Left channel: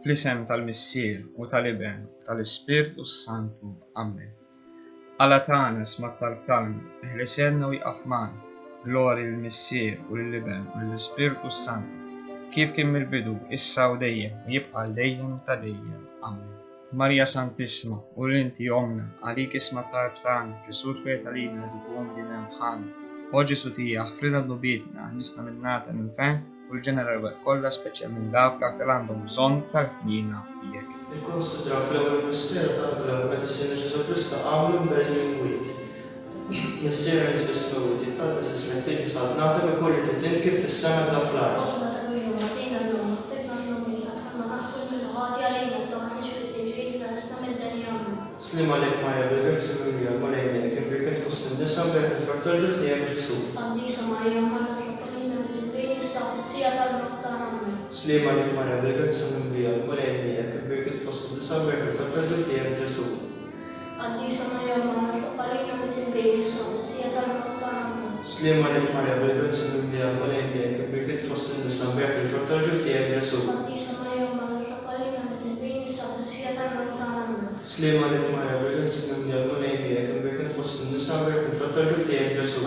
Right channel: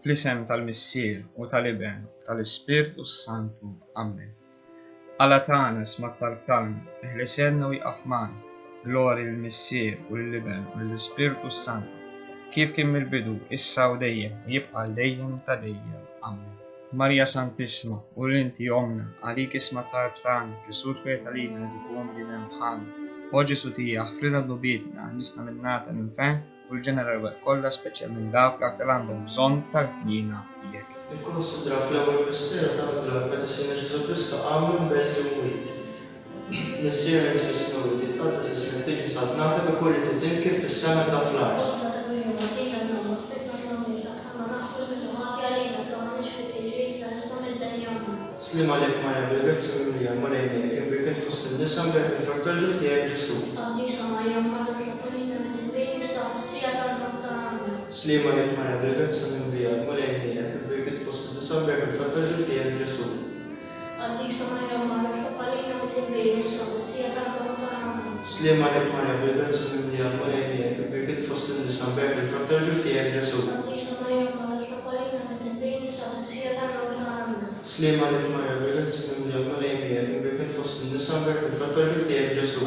Fl-isem tal-Missier u tal-Iben u tal-Ispirtu Santu. Amen. Alla tagħna sma t-talb tagħna, eħlisenna u jqaf magħna. Glorja lill-Missier u lill-Iben u lill-Ispirtu Santu, kif kien mill-bidu, issa u dejjem, u jibqa' dejjem ta' dejjem. Amen. Marja Santissima, u l-inti omna, għalik isma t-talb tagħna, Ġesu twiet għalina li tkun bdina bħalna. O Ġesu tija, ħfrida d-nubietna, nisna minnata l-infen, u l-ġeneral kollha speċjalment dawk li għandhom bżonn tal-ħnina tiegħek. Nikkonsidraw fl-ewwel misteru tal-glorja meta Sina Ġesu Kristu għamlu mbelli mwit. Missier nifisna wit jitqaddas ismek tiġi salvnatek ukoll titin kif fis-sena bla fl-art. Slima lek Marja bil-grazzi mimlija l-Malejnija kien birket fost in-nisa mbagħad il-fartalġu f'tiegħek Ġesu. Slima lek Marja bil-grazzi mimlija l-Malejnija kien birket fost in-nisa mbagħad il-fartalġu f'tiegħek Ġesu. Slima lek Marja bil-grazzi mimlija l-Malejnija kien birket fost in-nisa mbagħad il-fartalġu f'tiegħek Ġesu. Slima lek Marja bil-grazzi mimlija l-Malejnija kien birket fost in-nisa mbagħad il-fartalġu f'tiegħek Ġesu.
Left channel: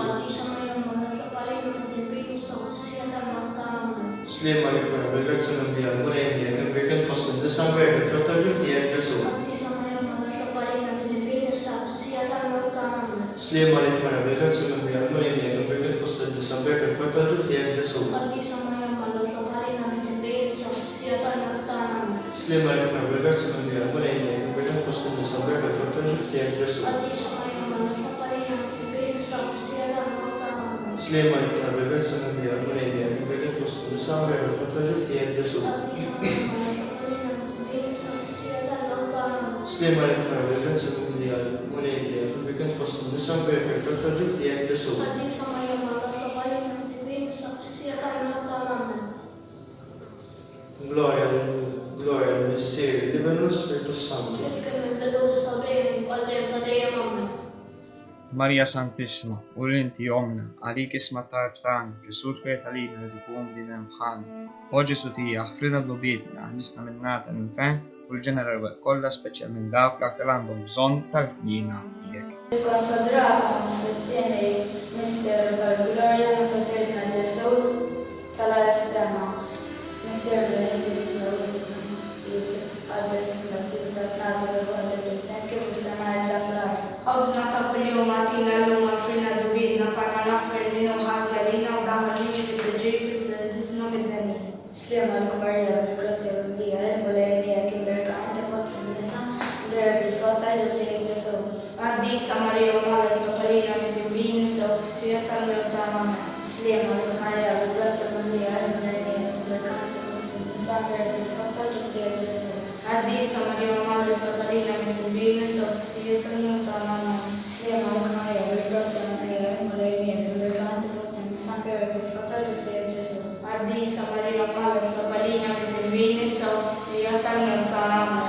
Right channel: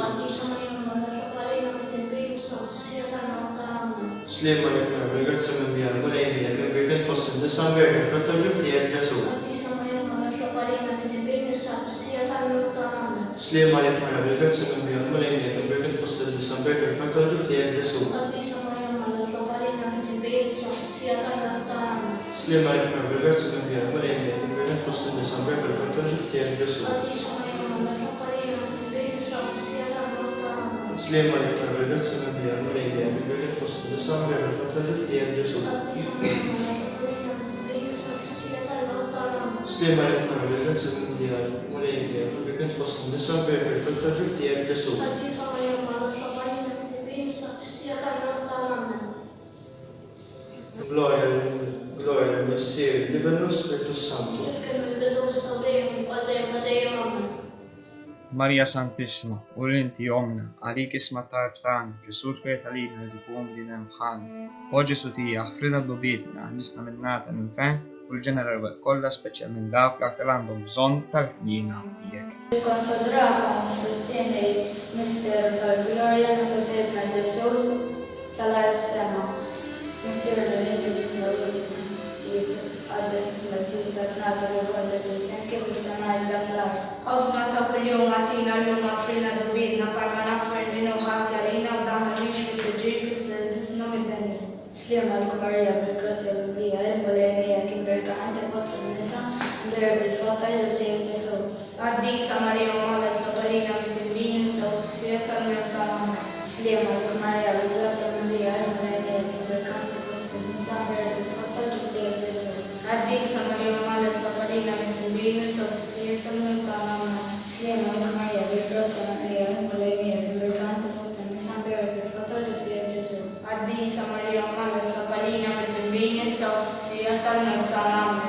Slima lek Marja bil-grazzi mimlija l-Malejnija kien birket fost in-nisa mbagħad il-fartalġu f'tiegħek Ġesu. Slima lek Marja bil-grazzi mimlija l-Malejnija kien birket fost in-nisa mbagħad il-fartalġu f'tiegħek Ġesu. Slima lek Marja bil-grazzi mimlija l-Malejnija kien birket fost in-nisa mbagħad il-fartalġu f'tiegħek Ġesu. Slima lek Marja bil-grazzi mimlija l-Malejnija kien birket fost in-nisa mbagħad il-fartalġu f'tiegħek Ġesu. Slima lek Marja bil-grazzi mimlija l-Malejnija kien birket fost in-nisa mbagħad il-fartalġu f'tiegħek Ġesu. Glorja lill-Missier, l-Iben u l-Ispirtu Santu. Marja Santissima, u l-inti omna, għalik isma t-talb tagħna, Ġesu twiet għalina li tkun bdina bħalna. O Ġesu tija, ħfrida d-nubietna, nisna minnata l-infen, u l-ġeneral kollha speċjalment dawk li għandhom bżonn tal-ħnina tiegħek. Nikkonsidraw fit-tieni misteru tal-glorja meta sedna Ġesu tal-sema. Missier l-inti isma jitqaddas ismek tiġi salvnatek ukoll titin kif fis-sena bla fl-art. Awżna ta' kuljum għatina llum ħfrina dubidna parma naffar minnu ħati għalina u dan ma ġietx fit-tiġri Krista tisna mid-denja. Slima lek Marja bil-grazzi mimlija l-Malejnija kien birket fost in-nisa mbagħad il-fartalġu f'tiegħek Ġesu. Qaddisa Marija u Malek Lopalina mit-tibbin issa u f'sija tal-mewt tagħna. Slima lek Marja bil-grazzi mimlija l-Malejnija kien birket fost in-nisa mbagħad il-fartalġu f'tiegħek Ġesu. Qaddisa Marija u Malek Lopalina mit-tibbin issa u f'sija tal-mewt tagħna. Slima lek Marja bil-grazzi mimlija l-Malejnija kien birket fost in-nisa mbagħad il-fartalġu f'tiegħek Ġesu. Qaddisa Marija u Malek Lopalina mit-tibbin issa u f'sija tal-mewt tagħna.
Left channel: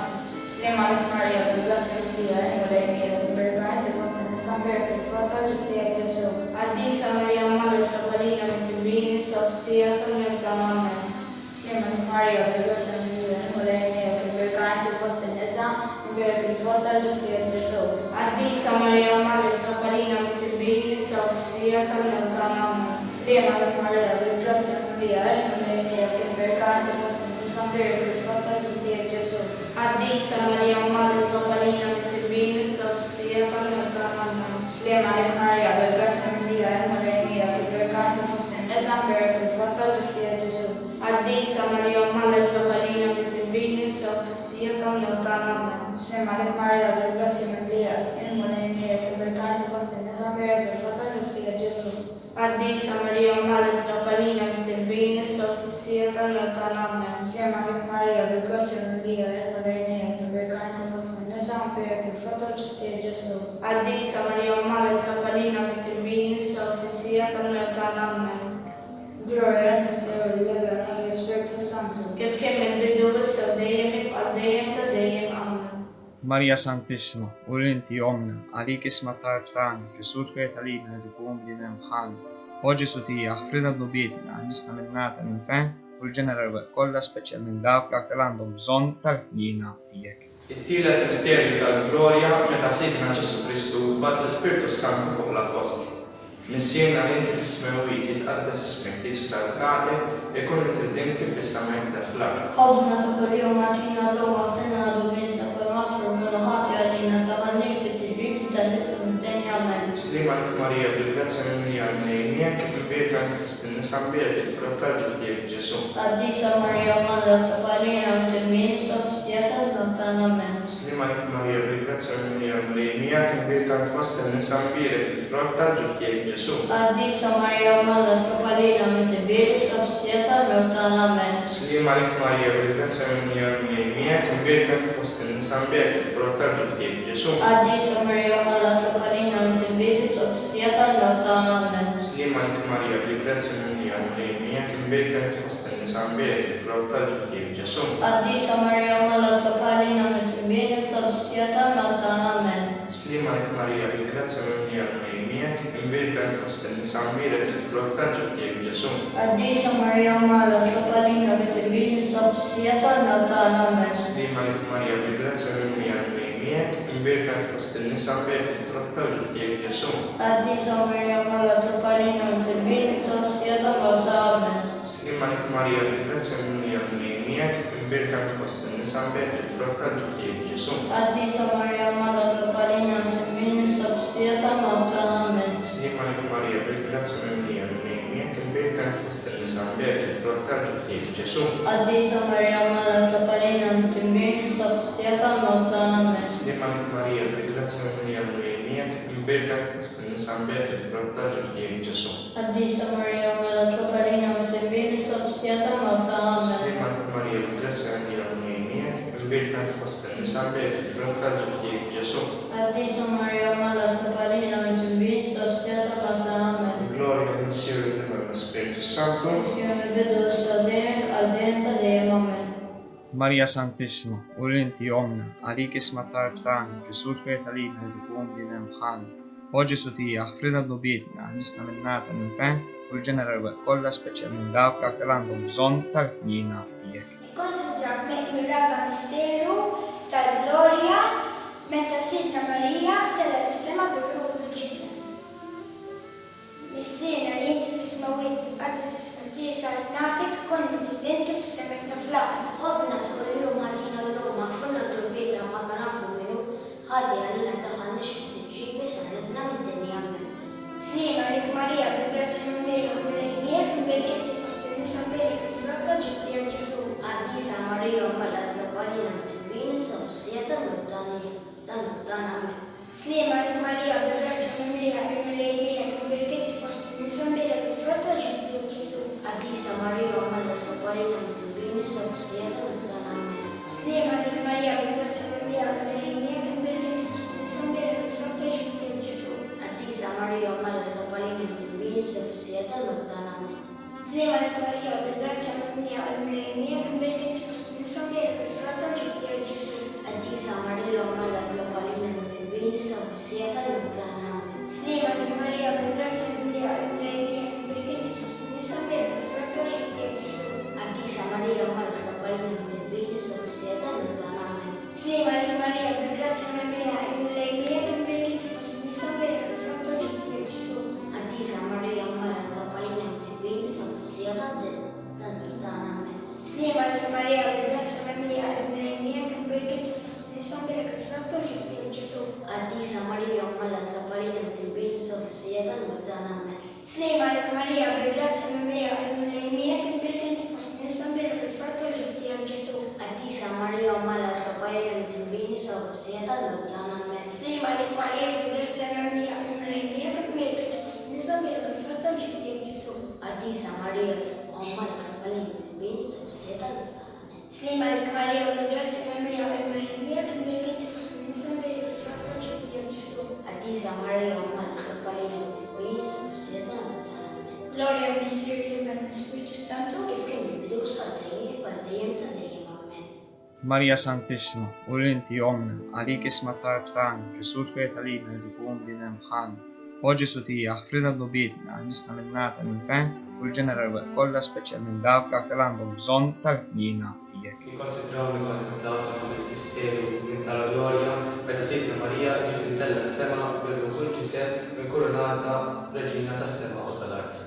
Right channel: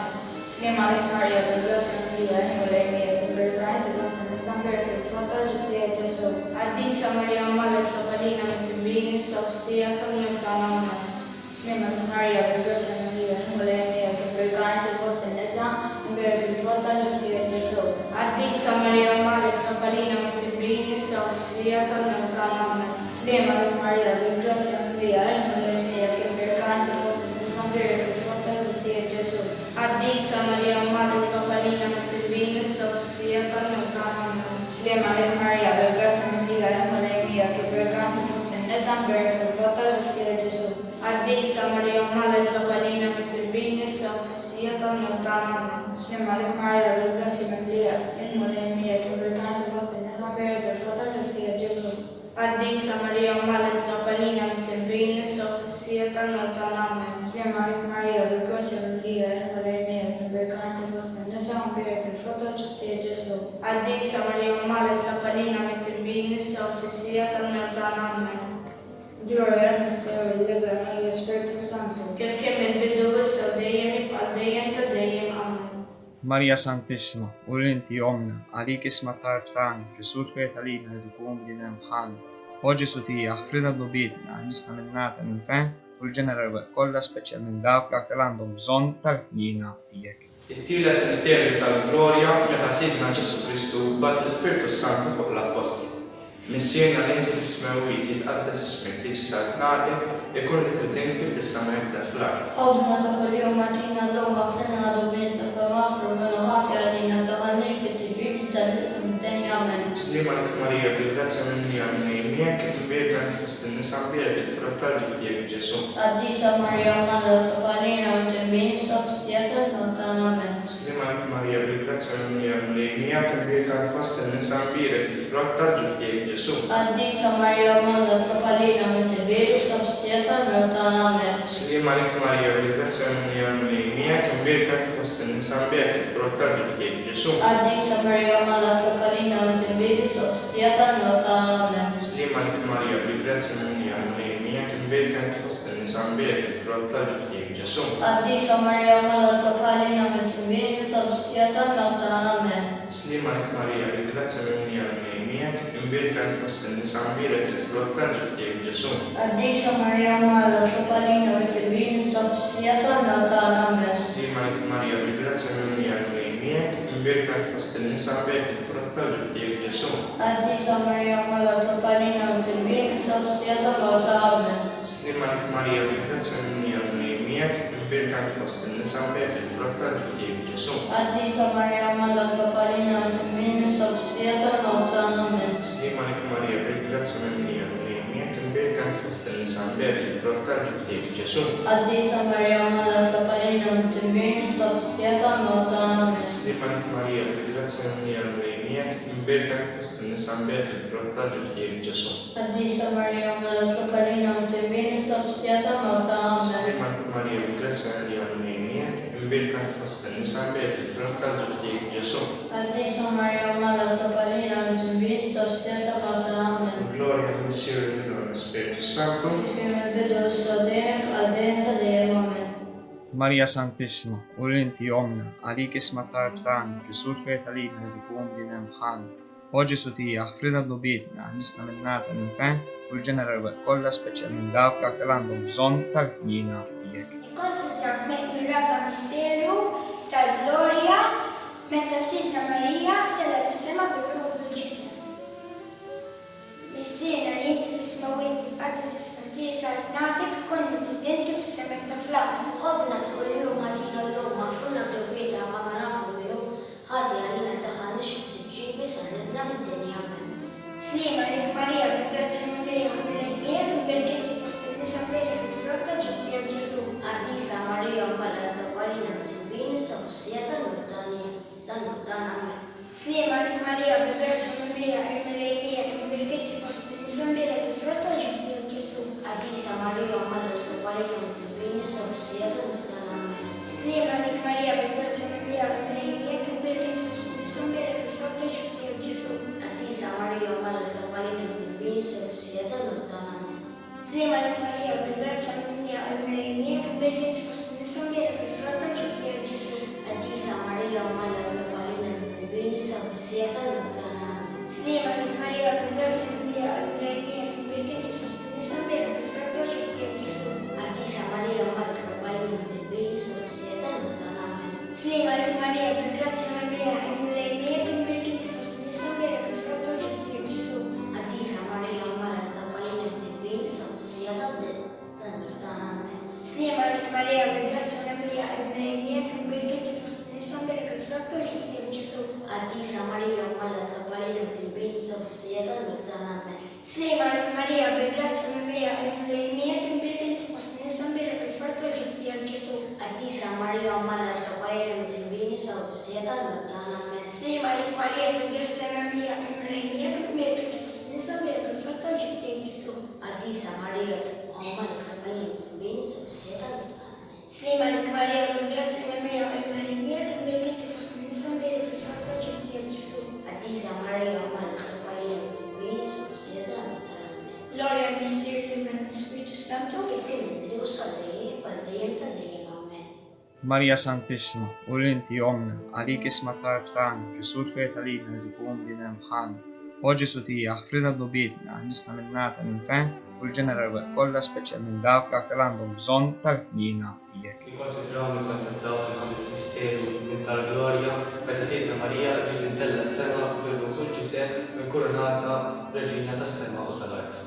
Slima lek Marja bil-grazzi mimlija l-Malejnija kien birket fost in-nisa mbagħad il-fartalġu f'tiegħek Ġesu. Qaddisa Marija u Malek Lopalina mit-tibbin issa u f'sija tal-mewt tagħna. Slima lek Marja bil-grazzi mimlija l-Malejnija kien birket fost in-nisa mbagħad il-fartalġu f'tiegħek Ġesu. Qaddisa Marija u Malek Lopalina mit-tibbin issa u f'sija tal-mewt tagħna. Slima lek Marja bil-grazzi mimlija l-Malejnija kien birket fost in-nisa mbagħad il-fartalġu f'tiegħek Ġesu. Qaddisa Marija u Malek Lopalina mit-tibbin issa u f'sija tal-mewt tagħna. Slima lek Marja bil-grazzi mimlija l-Malejnija kien birket fost in-nisa mbagħad il-fartalġu f'tiegħek Ġesu. Qaddisa Marija u Malek Lopalina mit-tibbin issa u f'sija tal-mewt tagħna. Slima lek Marja bil-grazzi mimlija l-Malejnija kien birket fost in-nisa mbagħad il-fartalġu f'tiegħek Ġesu. Qaddisa Marija u Malek Lopalina mit-tibbin issa u f'sija tal-mewt tagħna. Slima lek Marja bil-grazzi mimlija l-Malejnija kien birket fost in-nisa mbagħad il-fartalġu f'tiegħek Ġesu. Qaddisa Marija u Malek Lopalina mit-tibbin issa u f'sija tal-mewt tagħna. Glorja lill-Missier, l-Iben u l-Ispirtu Santu. Kif kien mill-bidu issa u dejjem jibqa' dejjem ta' dejjem. Amen. Marja Santissima, u l-inti omna, għalik isma t-talb tagħna, Ġesu twiet għalina li tkun bdina bħalna. O Ġesu tija, ħfrida d-nubietna, nisna minnata l-infen, u u l-ġeneral kollha speċjalment dawk l-aktar għandhom bżonn tal-ħnina tiegħek. It-tielet misterju tal-glorja meta Sidna Ġesu Kristu bat l-Ispirtu Santu fuq l-Apostli. Missierna li inti fis-smawijiet jitqaddas ismek tiġi salvnati ikun li tridint kif is-sama jibda fl-ard. خبزنا كل يوم أعطينا اللهم اغفر لنا ذنوبنا كما نغفر لمن خاطئ علينا ما تدخلناش في التجريب تلبسنا من الثاني عمل. Slima lik Marija bil-grazza minni għal-nejmiek imbirka fost in-nisa mbirek il-frott tal-ġuftiek Ġesu. قديسة مريم ماذا تقالين وتنبين صفصية المتنمى. Slima lik Marija bil-grazza minni għal-nejmiek imbirka fost in-nisa mbirek il-frott tal-ġuftiek Ġesu. قديسة مريم ماذا تقالين وتنبين صفصية المتنمى. Slima lik Marija bil-grazza minni għal-nejmiek imbirka fost in-nisa mbirek il-frott tal-ġuftiek Ġesu. قديسة مريم ماذا تقالين وتنبين صفصية المتنمى. Slima lik Marija bil-grazza minni għal-nejmiek imbirka fost in-nisa mbirek il-frott tal-ġuftiek Ġesu. قديسة مريم ماذا تقالين وتنبين صفصية المتنمى. Slima lik Marija bil-grazza minni għal-nejmiek imbirka fost in-nisa mbirek il-frott tal-ġuftiek Ġesu. قديسة مريم ماذا تقالين وتنبين صفصية المتنمى. Slima lik Marija bil-grazza minni għal-nejmiek imbirka fost in-nisa mbirek il-frott tal-ġuftiek Ġesu. قديسة مريم ماذا تقالين وتنبين صفصية المتنمى. Slima lik Marija bil-grazza minni għal-nejmiek imbirka fost in-nisa mbirek il-frott tal-ġuftiek Ġesu. قديسة مريم ماذا تقالين وتنبين صفصية المتنمى. Slima lik Marija bil-grazza minni għal-nejmiek imbirka fost in-nisa mbirek il-frott tal-ġuftiek Ġesu. قديسة مريم ماذا تقالين وتنبين صفصية المتنمى. Slima lik Marija bil-grazza minni għal-nejmiek imbirka fost in-nisa mbirek il-frott tal-ġuftiek Ġesu. قديسة مريم ماذا تقالين وتنبين صفصية المتنمى. Slima lik Marija bil-grazza minni għal-nejmiek imbirka fost in-nisa mbirek il-frott tal-ġuftiek Ġesu. قديسة مريم ماذا تقالين وتنبين صفصية المتنمى. Gloria al Signore e al Spirito Santo. Fiume vedo sodem ardente Amen. Marija Santissima, u l-inti jomna, għalik isma tarb tagħna, Ġesu twiet għalina li tkun bniedem bħalna. O Ġesu tija, ħfrina d-nubietna, għannisna minn nar tal-infern, u l-ġeneral kollha speċjalment dawk l-aktar għandhom bżonn tal-ħnina tiegħek. Ikkonsidra mir-raba misteru tal-glorja meta Sidna Marija telat is-sema bil-ruħ bil-ġisem. Missierna li inti fis-smawijiet titqaddas ismek tiegħi salvnatik kont tridint kif is-sema jibda fl-ard. خبزنا كل يوم أعطينا اللهم اغفر لنا ذنوبنا كما نغفر لمن خاطئ علينا ما تدخلناش في التجريب بس نزلنا من الدنيا. Slima lik Marija bil-grazza minni għal-nejmiek imbirkinti fost in-nisa mbirek il-frott tal-ġuftiek Ġesu. قديسة مريم ملأت الأولين متنبين صفصية المقدان عمل. Slima lik Marija bil-grazza minni għal-nejmiek imbirkinti fost in-nisa mbirek il-frott tal-ġuftiek Ġesu. قديسة مريم ملأت الأولين متنبين صفصية المقدان عمل. Slima lik Marija bil-grazza minni għal-nejmiek imbirkinti fost in-nisa mbirek il-frott tal-ġuftiek Ġesu. قديسة مريم ملأت الأولين متنبين صفصية المقدان عمل. Slima lik Marija bil-grazza minni għal-nejmiek imbirkinti fost in-nisa mbirek il-frott tal-ġuftiek Ġesu. قديسة مريم ملأت الأولين متنبين صفصية المقدان عمل. Slima lik Marija bil-grazza minni għal-nejmiek imbirkinti fost in-nisa mbirek il-frott tal-ġuftiek Ġesu. قديسة مريم ملأت الأولين متنبين صفصية المقدان عمل. Slima lik Marija bil-grazza minni għal-nejmiek imbirkinti fost in-nisa mbirek il-frott tal-ġuftiek Ġesu. قديسة مريم ملأت الأولين متنبين صفصية المقدان عمل. Slima lik Marija bil-grazza minni għal-nejmiek imbirkinti fost in-nisa mbirek il-frott tal-ġuftiek Ġesu. قديسة مريم ملأت الأولين متنبين صفصية المقدان عمل. Slima lik Marija bil-grazza minni għal-nejmiek imbirkinti fost in-nisa mbirek il-frott tal-ġuftiek Ġesu. قديسة مريم ملأت الأولين متنبين صفصية المقدان عمل. Slima lik Marija bil-grazza minni għal-nejmiek imbirkinti fost in-nisa mbirek il-frott tal-ġuftiek Ġesu. قديسة مريم ملأت الأولين متنبين صفصية المقدان عمل. Slima lik Marija bil-grazza minni għal-nejmiek imbirkinti fost in-nisa mbirek il-frott tal-ġuftiek Ġesu. قديسة مريم ملأت الأولين متنبين صفصية المقدان عمل. Gloria al Signore e al Spirito Santo. كيف كان بدو صدري بالدين تدين آمين. Marija Santissima, u l-inti jomna, għalik isma tarb tagħna, Ġesu twiet għalina li tkun bniedem bħalna. O O Ġesu tiegħek ħfrina dubitna ħnisna minnata minn fejn u l-ġeneral kollha speċjalment dawk li aktar għandhom bżonn tal-ħnina tiegħek. Nikkonsidraw li kontemplaw fil-ħames misteru minn tal-glorja meta Sejda Marija ġiet intella s-sema kull ġisem minn kurunata reġina tas-sema u tal-art.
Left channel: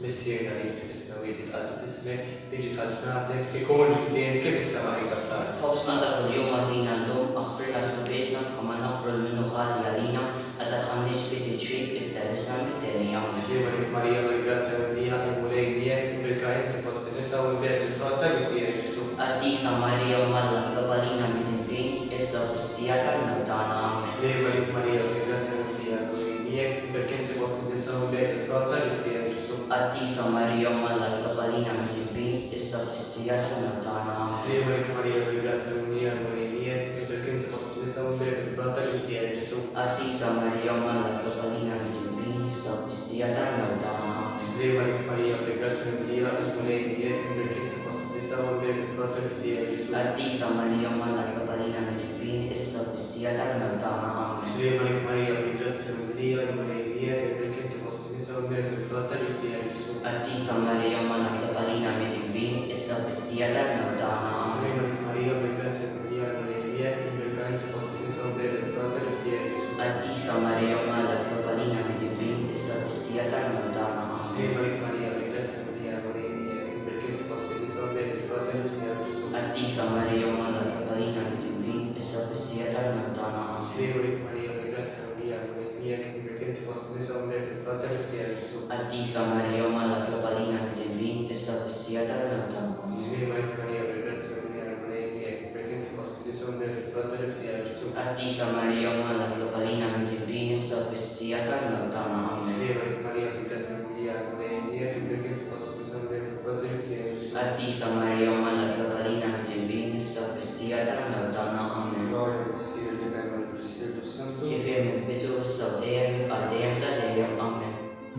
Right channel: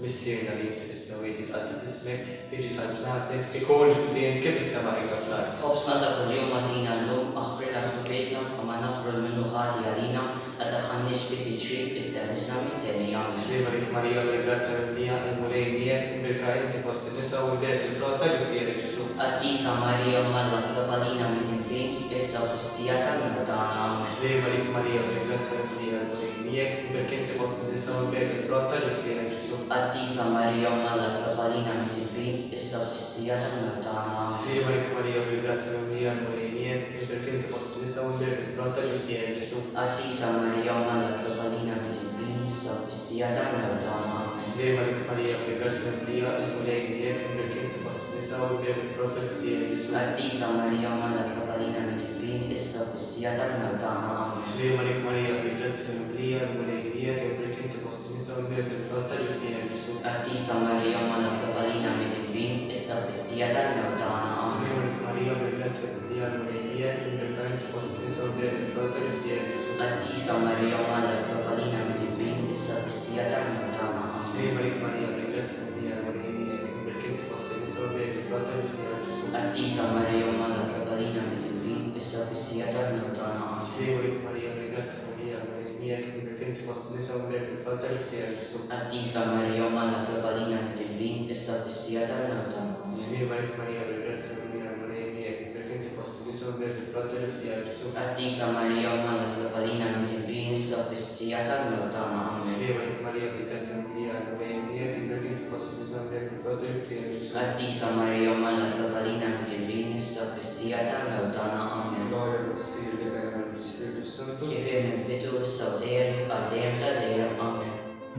Missierna li inti fis-smawiet jitqaddas ismek, tiġi saltnatek, ikun ġdien kif is-sema hija fl-art. خبزنا كل يوم أعطينا اللوم أغفرنا ذنوبنا كما نغفر المنوخات علينا لا تدخلناش في تجريب استلسنا من الدنيا. Slima lik Marija bil-grazza mimlija il-mulej miegħek imbirka inti fost in-nisa u l-bed il-frott ta' ġifieri Ġesu. Addisa Maria Malla Trabalina Mitinbin issa fissijata l-mudana Amen. Slima lik Marija bil-grazza mimlija il-mulej miegħek imbirka inti fost in-nisa u l-bed il-frott ta' ġifieri Ġesu. Addisa Maria Malla Trabalina Mitinbin issa fissijata l-mudana Amen. Slima lik Marija bil-grazza mimlija il-mulej miegħek imbirka inti fost in-nisa u l-bed il-frott ta' ġifieri Ġesu. Addisa Maria Malla Trabalina Mitinbin issa fissijata l-mudana Amen. Slima lik Marija bil-grazza mimlija il-mulej miegħek imbirka inti fost in-nisa u l-bed il-frott ta' ġifieri Ġesu. Addisa Maria Malla Trabalina Mitinbin issa fissijata l-mudana Amen. Slima lik Marija bil-grazza mimlija il-mulej miegħek imbirka inti fost in-nisa u l-bed il-frott ta' ġifieri Ġesu. Addisa Maria Malla Trabalina Mitinbin issa fissijata l-mudana Amen. Slima lik Marija bil-grazza mimlija il-mulej miegħek imbirka inti fost in-nisa u l-bed il-frott ta' ġifieri Ġesu. Addisa Maria Malla Trabalina Mitinbin issa fissijata l-mudana Amen. Slima lik Marija bil-grazza mimlija il-mulej miegħek imbirka inti fost in-nisa u l-bed il-frott ta' ġifieri Ġesu. Addisa Maria Malla Trabalina Mitinbin issa fissijata l-mudana Amen. Slima lik Marija bil-grazza mimlija il-mulej miegħek imbirka inti fost in-nisa u l-bed il-frott ta' ġifieri Ġesu. Addisa Maria Malla Trabalina Mitinbin issa fissijata l-mudana Amen. Slima lik Marija bil-grazza mimlija il-mulej miegħek imbirka inti fost in-nisa u l-bed il-frott ta' ġifieri Ġesu. Addisa Maria Malla Trabalina Mitinbin issa fissijata l-mudana Amen. Slima lik Marija bil-grazza mimlija il-mulej miegħek imbirka inti fost in-nisa u l-bed il-frott ta' ġifieri Ġesu. Addisa Maria Malla Trabalina Mitinbin issa fissijata l-mudana Amen. Gloria al Signore, Libera lo Spirito Santo. Kifir minn bidu issa u dejjem jibqa' dejjem ta' dejjem Amen.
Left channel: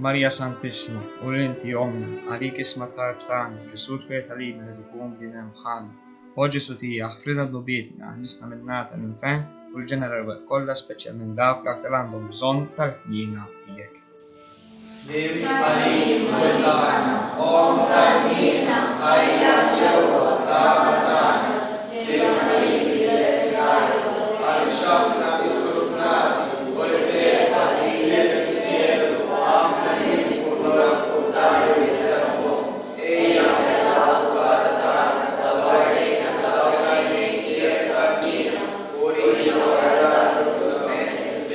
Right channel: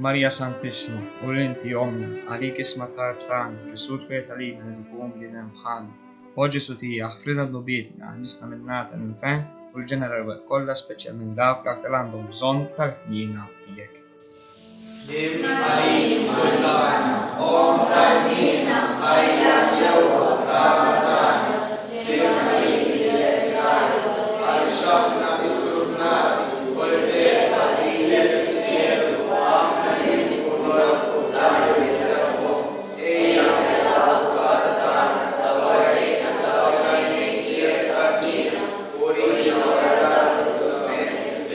Marija Santissima, u l-inti omna, għalik isma tarb tagħna, Ġesu twiet għalina li tkun bniedem bħalna. O Ġesu tiegħek ħfrina dubitna ħnisna minnata minn fejn u l-ġeneral kollha speċjalment dawk li aktar għandhom bżonn tal-ħnina tiegħek. Slim għalik sultana, om tal-mina, ħajja jew tal-tana. Slim għalik il-regalo, għal-xabna l-turfnati, u l-feta il-fieru, għamna il-kurfu tal-ritrabu, ejja l-avvatana, tal-għalina, tal-għalina, il-kabina, u il-għalina,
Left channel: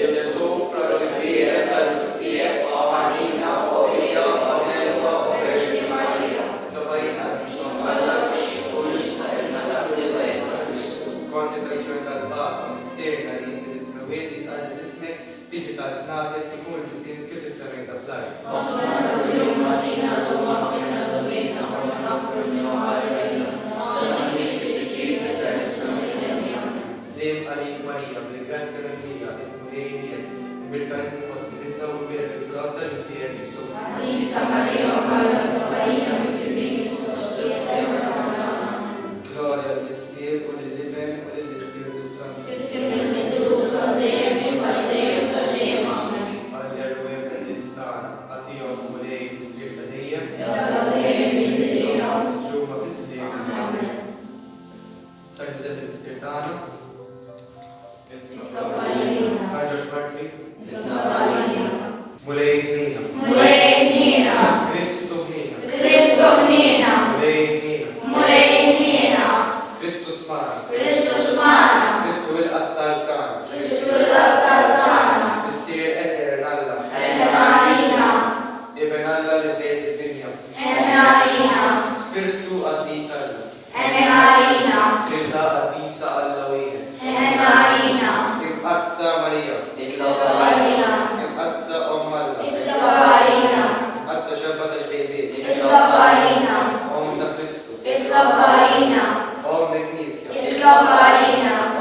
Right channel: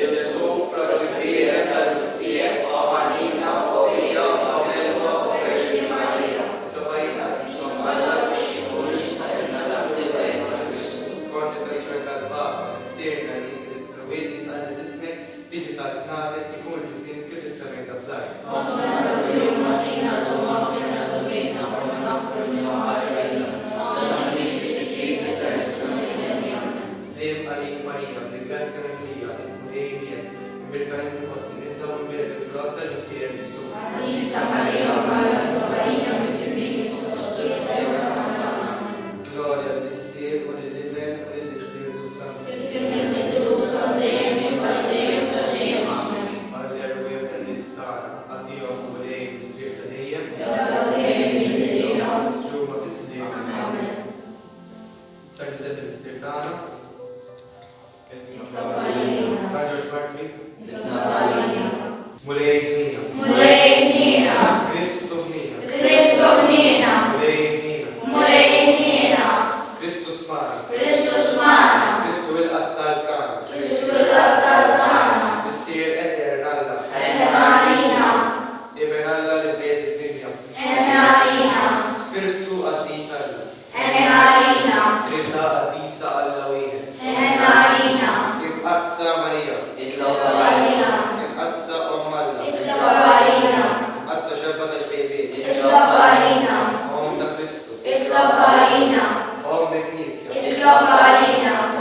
il-sopra l-fieru, tal-fieru, għalina, u il-għalina, u Reġina Marija, tawajna, insomma, Forse per rispettare il Papa, mistiera li inti l-istrawieti tqaddis ismek, tiġi saltnatek, ikun ġdien kif is-semejta fl-art. Slim għalik Marija, bil-grazza mimlija, il-mulej miegħek, imbirka inti fost in-nisa u l-bed il-frott ta' ġifieri Ġesu. Gloria al Signore, o lill-Iben, u lill-Ispiritu Santo. Alleluja b'Sistana, għatija u mulej l-Ispir ta' dejjem. Sluma fis-slieb. San Giuseppe l-Ispir tagħna. San George Martwi. Mulej ħnina. Kristu ħnina. Mulej ħnina. Kristu smana. Kristu il-qattal tagħna. Issir eter Alla. Iben Alla li bejt id-dinja. Spiritu qaddis Alla. Trita qaddisa Alla wieħed. Imqaddsa Marija. Imqaddsa Omm Alla. Imqaddsa xebba tal-bejbiet. Om ta' Kristu. Om il-Knisja.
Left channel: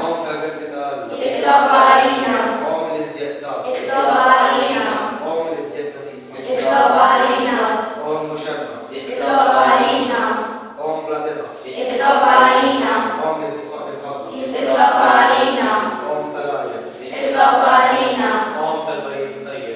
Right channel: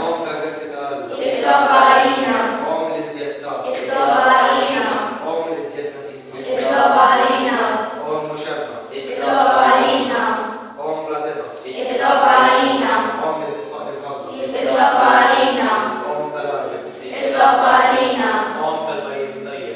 Om tal-Grazzi ta' Alla. Om l-Iżjed Om l-Iżjed Om Muxebba. Om Bladeba. Om il-Isfaq il-Qabba. Om tal-Arja. Om tal-Barid Tayyib.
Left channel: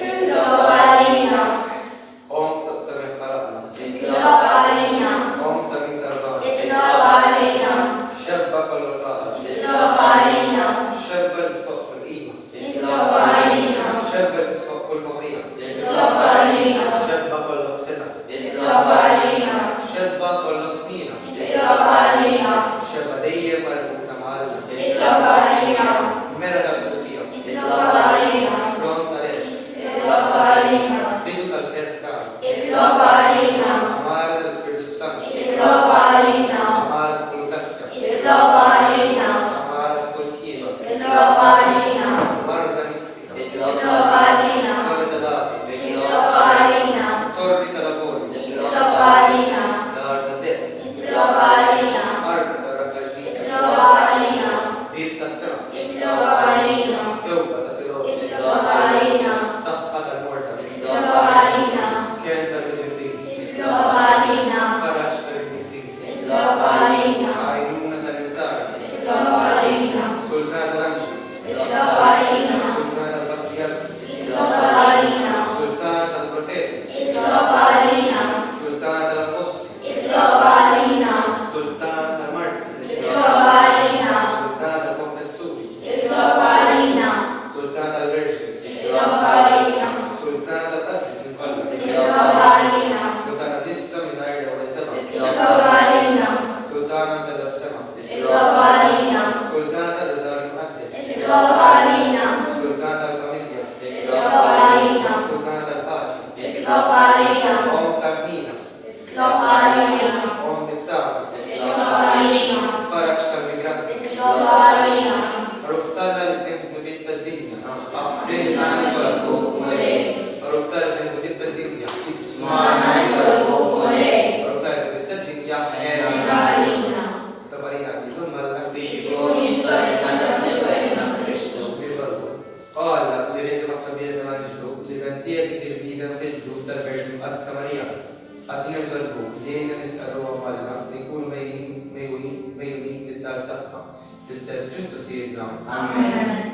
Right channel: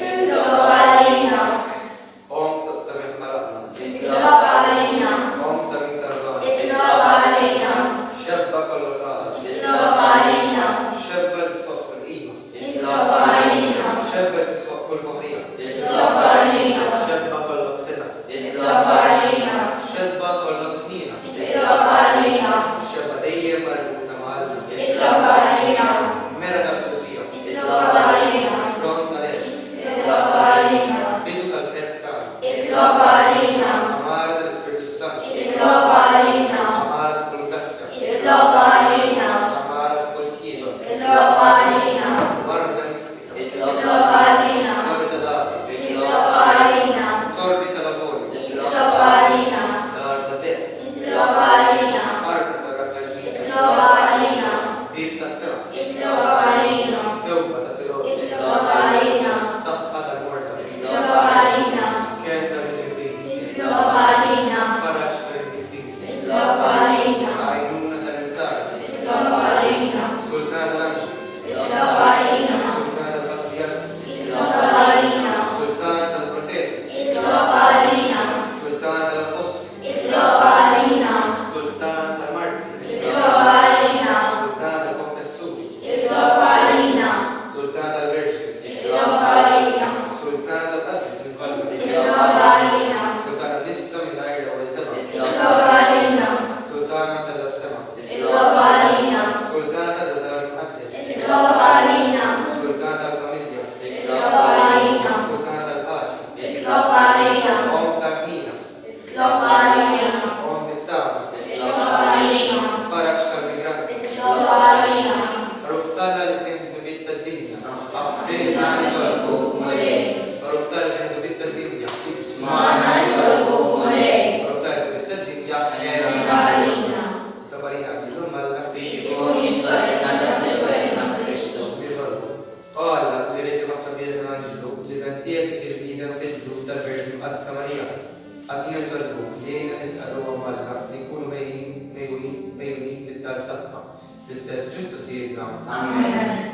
علينا Sultana tal-qadis il-qalbi. اتلو علينا Sultana tista minn għajra u l-taba. اتلو علينا Sultana tal-sema. اتلو علينا Sultana tal-użar il-qadis. اتلو علينا Sultana tal-familja. اتلو علينا Sultana tal-paċi. اتلو علينا Om tal-mina. اتلو علينا Om tal-taba. اتلو علينا Faraġ tal-migranti. اتلو علينا Ruftala l-bint bitta d-dinja. أفرنا نطلبكم إليه Ruftala l-bint bitta d-dinja. اسمعنا نطلبكم إليه Ruftala l-bint bitta d-dinja. إلى علينا Tabarina bisum alla بشكون الصلاة لبيتنا كريستو Qala li rejti maħtabija tal-anġdu li bentija kisir fidem fil-ġuf tal-Verġi Mqaddsa Marija. Għatina l-talbu li jina nistaqru għamalna li kun mejuni bid-dar tagħha. L-istess Kristus jidna. آمين